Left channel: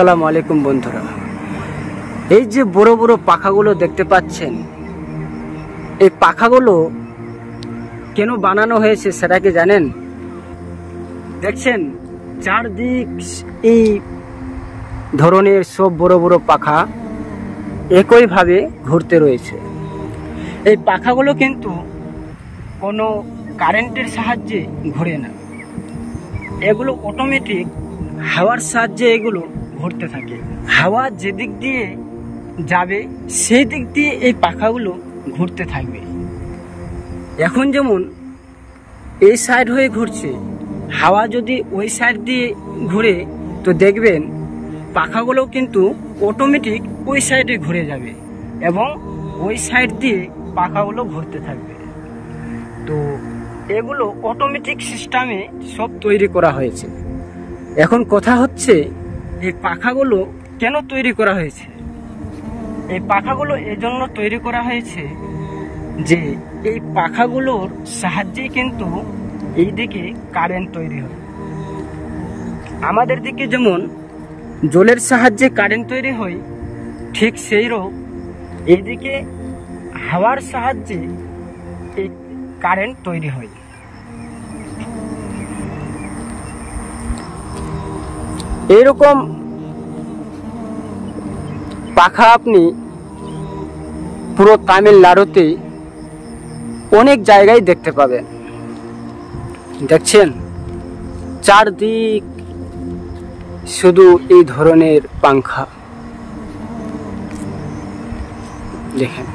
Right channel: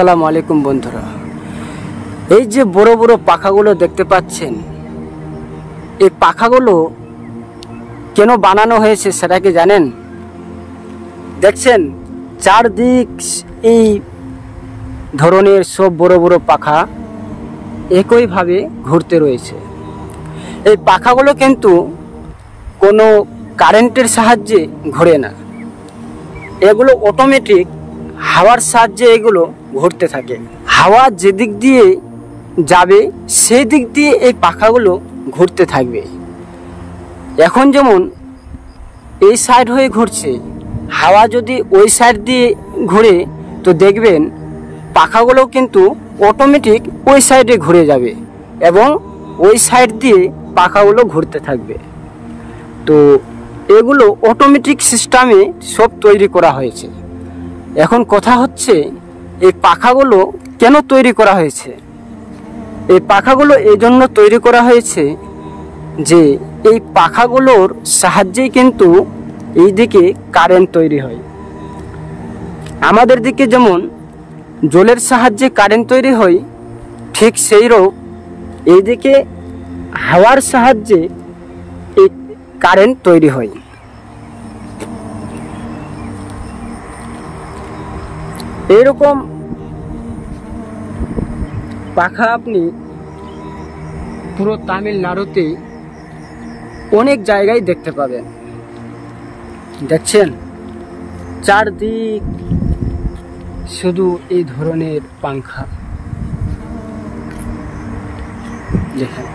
আসসালামু আলাইকুম বন্ধুরা, এই যে বড় বড় পাখাগুলো দেখতে পাচ্ছেন, এই পাখাগুলো কেন বানানো হয়েছে সেটা কি জানেন? দেখছেন চারদিক এই ধরনের সব বড় বড় পাখা একইভাবে ঘুরতে রয়েছে। এই পাখাগুলো কিন্তু কোনো কারেন্টের সাহায্যে ঘোরে না, এগুলো অটোমেটিক হাওয়ার সাহায্যে এগুলো ঘুরতে থাকে। হাওয়া যেদিক দিয়ে যাবে সেই দিক দিয়ে এই পাখাগুলো ঘুরতে থাকবে। এখন যেমন এই সাইড হয়ে ঘুরছে, হাওয়া যদি ওই সাইড দিয়ে ঘুরে তো দেখবেন পাখাগুলো কিন্তু অটোমেটিক ওই সাইডে ঘুরে যাবে এবং ওই সাইড দিয়ে পাখাগুলো ঘুরতে থাকবে। তো এগুলো অটোমেটিক সিস্টেমে সব তৈরি করা হয়েছে। এখন কথা হচ্ছে, এই পাখাগুলো কেন তৈরি করা হয়েছে? এই পাখাগুলো এজন্য তৈরি করা হয়েছে যে এই পাখাগুলোর সাহায্যেই কিন্তু এই দিকে কারেন্ট তৈরি হয়। আমাদের দিকে যেমন জলের সাহায্যে কারেন্ট তৈরি হয়, ঠিক সেইরকম এইদিকে হাওয়ার সাহায্যে এই কারেন্ট তৈরি হয়। এইরকম পাখা আপনি পুরো তামিলনাড়ুতে অনেক জায়গায় দেখতে পাবেন। দেখছেন চারদিক শুধু এই ধরনের পাখা। দেখেন।